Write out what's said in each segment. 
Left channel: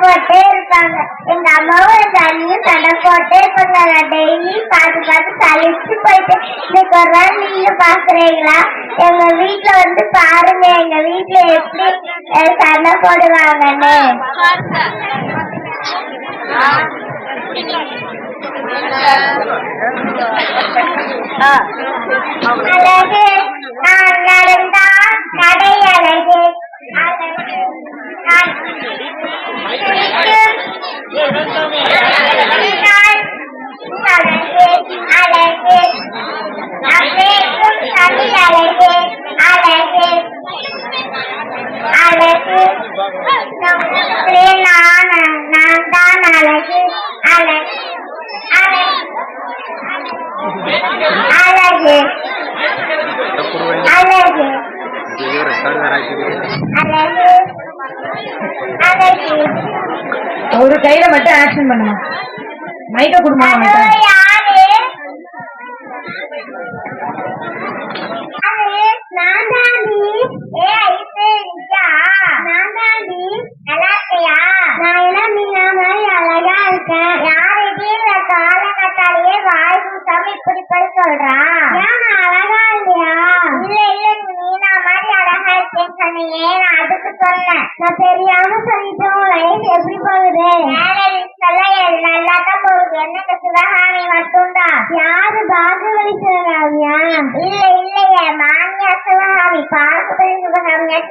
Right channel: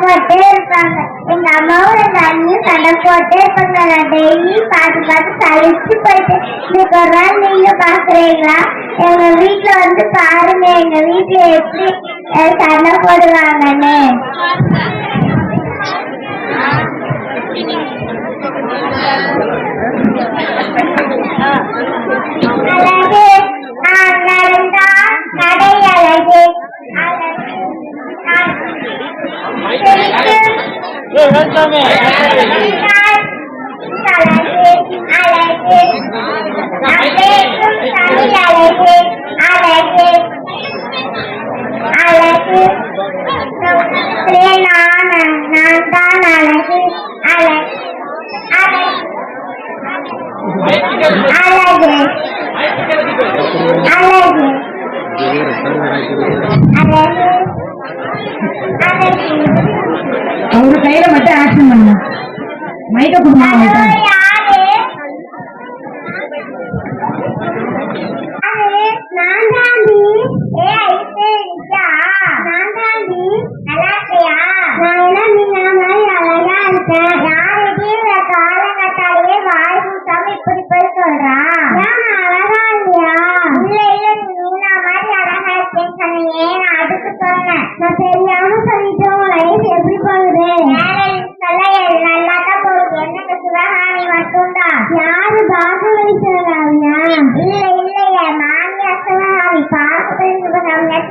போட்டே இருப்பாங்க எங்க அம்மாவும் எங்க அண்ணியும் சண்டை போட்டே இருப்பாங்க நான் டெய்லி பார்த்து பார்த்து சலிச்சு போயிட்டு இன்னைக்கு ஒரு நாள் நீங்க பாக்குறீங்களா? எங்க வீட்டுல வந்து பாருங்க எங்க வீட்டுல எப்படி சண்டை போடுவாங்கன்னு. அழகு நான் நடந்தால் நடை அழகு. அழகு. நான் சிரிக்கும் சிரித்தால் அழகு அழகு நான் பேசும் தமிழ் அழகு அழகு அழகு நம்மளே நான் நான் தான் அழகு அழகு அழகு அழகு அழகு அழகு அழகு ஒரு கையில மட்டும் ஆக்ஷன் பண்ணுங்க. மைக்க கொடுங்க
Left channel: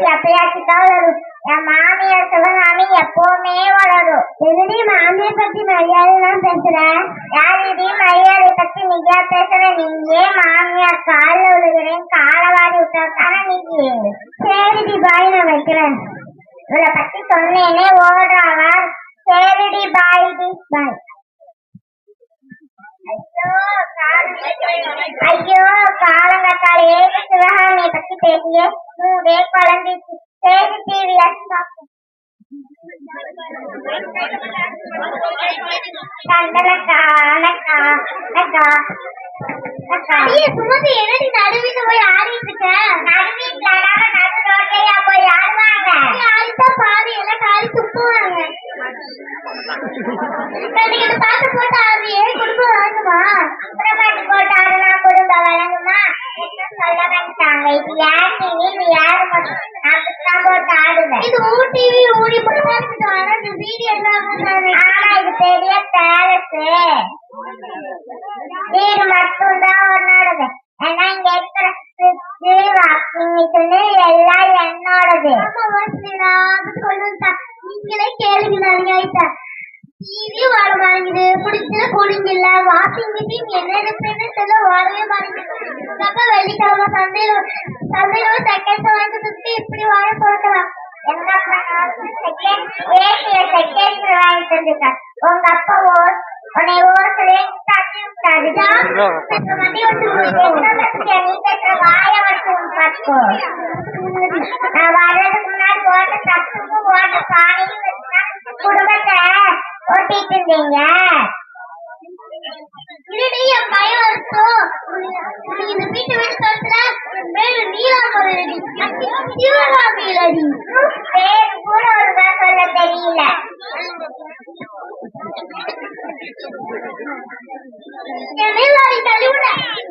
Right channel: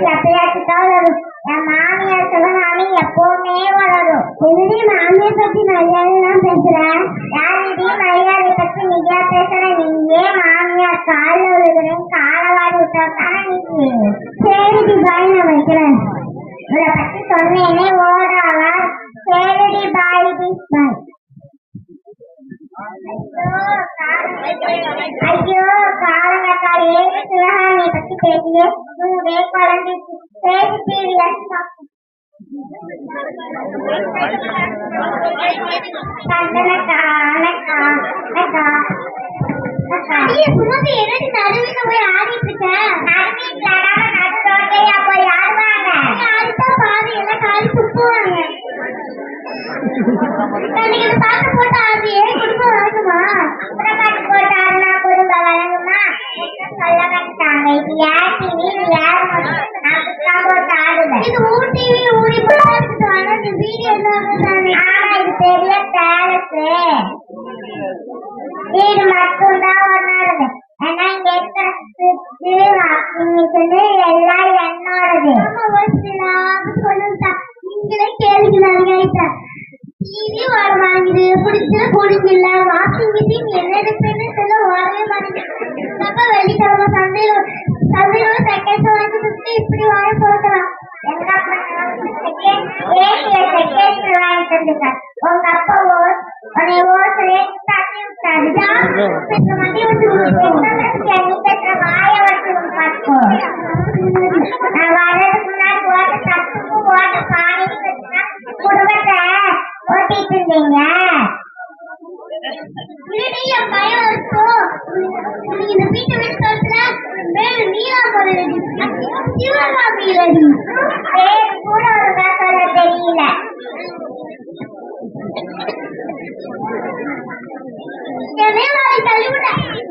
சிவகாமியாச்சு எப்பயாச்சும் தான் என் மாமியார் சிவகாமி எப்பவுமே வளரும். என்னடி மாமியை பத்தி மரியாதை தான் பேசுறேன் யாரிடி மரியாதை பத்தி நீயா பேசுற? நீயே மாமியார் காலில் விழுகிறேன் காலை வாடி விட்டாத்தானே நீ? சரிடி பாய் நான் வைக்கிறேன். இவளை பத்தி சொன்னேனே ஓடாவ சரிடி பாய் டி பாய். ஐயோ ஐயோ காலங்கத்தாலே சிவகாமியை பத்தி பேசியே. மூடே குழந்தைக்கு சரி டிவி சுமதி என்னடி நடுவில போய் ஆடிட்டு இருக்க நடுவீட்டுல நடு ரோட்டையா போய் ஆடுவாங்க ஆடிட்டா பாதி எல்லாம் காலி துப்புவாங்க நீங்க பாட்டு போட்டு ஆடுறியே பெரிய பேலஸ் வீடு மட்டும்தான் ஒன்னோடது ஆனா இங்க இருக்கிற சுத்து வாக்கிங் மிஷின் எல்லாம் என்னோடது. நீங்களே கேளுங்க நாளைக்கு டிவி வாட மாட்டேங்குது பிடிச்சது பிடிக்கல வாஷிங் மிஷின் என்ன எடுப்பேன்னு சொல்ல வாடவே மாட்டேங்குது அப்ப வெள்ளிக்கிழமை சந்தையில சந்தையில செகண்ட் வாங்கி சுத்தி இப்படி வாங்கி போட்டலாம் எங்க செகண்ட் ஏசிய செகண்ட் வாங்கி தந்துருக்காரு உங்க அப்பா ஓஸ் உன்னை ஓசலே தட்டி விட்டாரு நீ பேசுற வாய நான் வர்றதுக்கு முன்னாடி ஓட்ட தப்புக்கும் ஓட்ட வச்சுதான் குடும்பத்தை ஓட்டிட்டு இருந்தீங்க. என் பையன் இருக்கும் இந்த வீட்டை கழுத்துல மேல சிவகாமியிலடி பேர் கூட ஒழுங்கா சொல்ல தெரியல. ஜமீன்தாரி தள்ளிவிட ஏற்பட்ட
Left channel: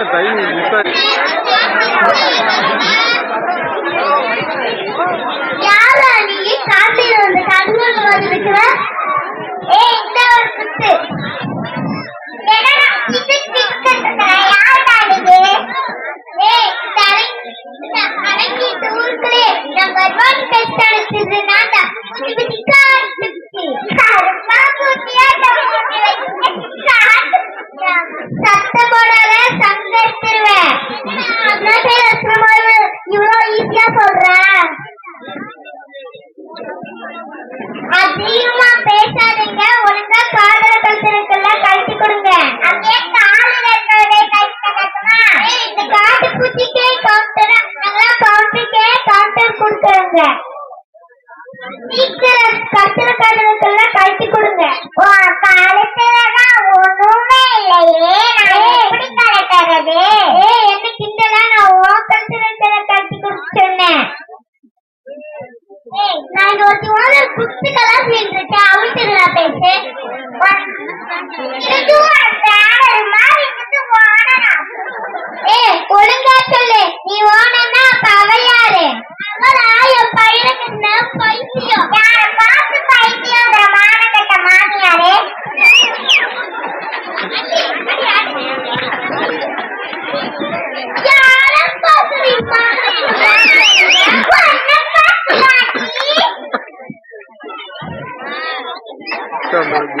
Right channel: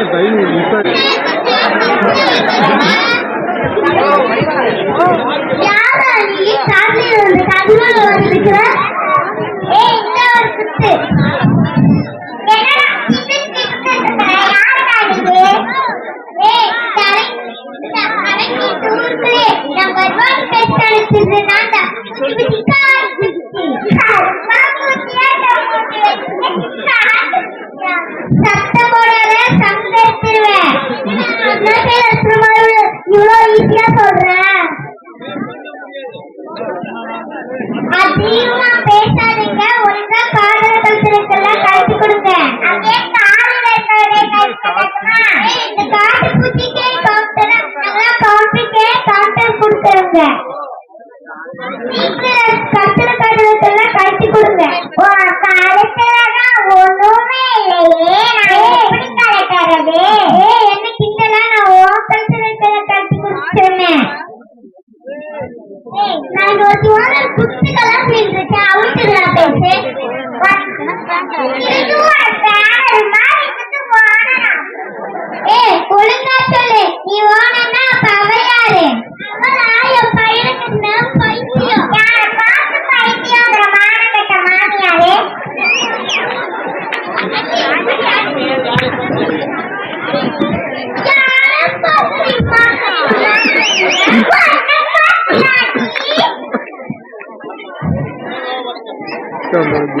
என்ன டைம் மிஸ் ஆகி வந்து கண்கள் வந்துருக்கிற? Puta merda.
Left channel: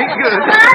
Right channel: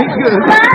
very good.